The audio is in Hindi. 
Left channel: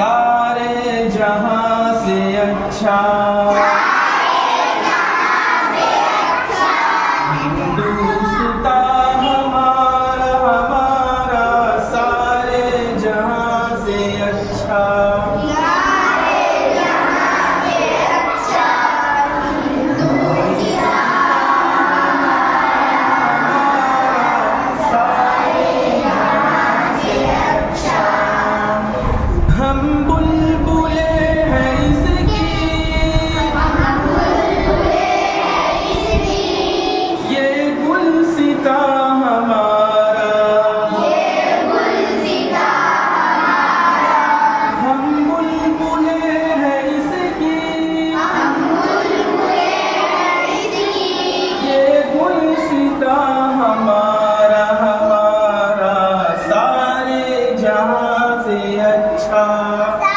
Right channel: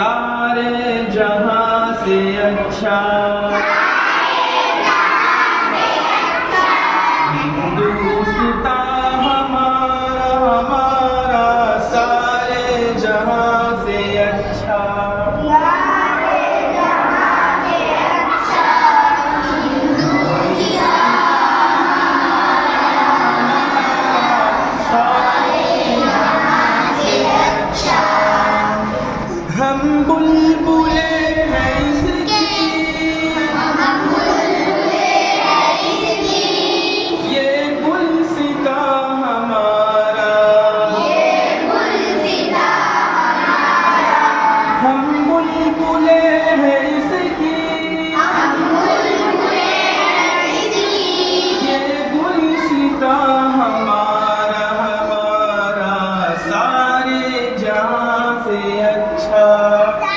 सारे जहां से अच्छा हिंदुस्ता हमारा सारे जहां से अच्छा हम बुलबुले हैं इसकी ये गुलसिता हमारा हम बुलबुले हैं इसकी ये गुलसिता हमारा सारे जहां से अच्छा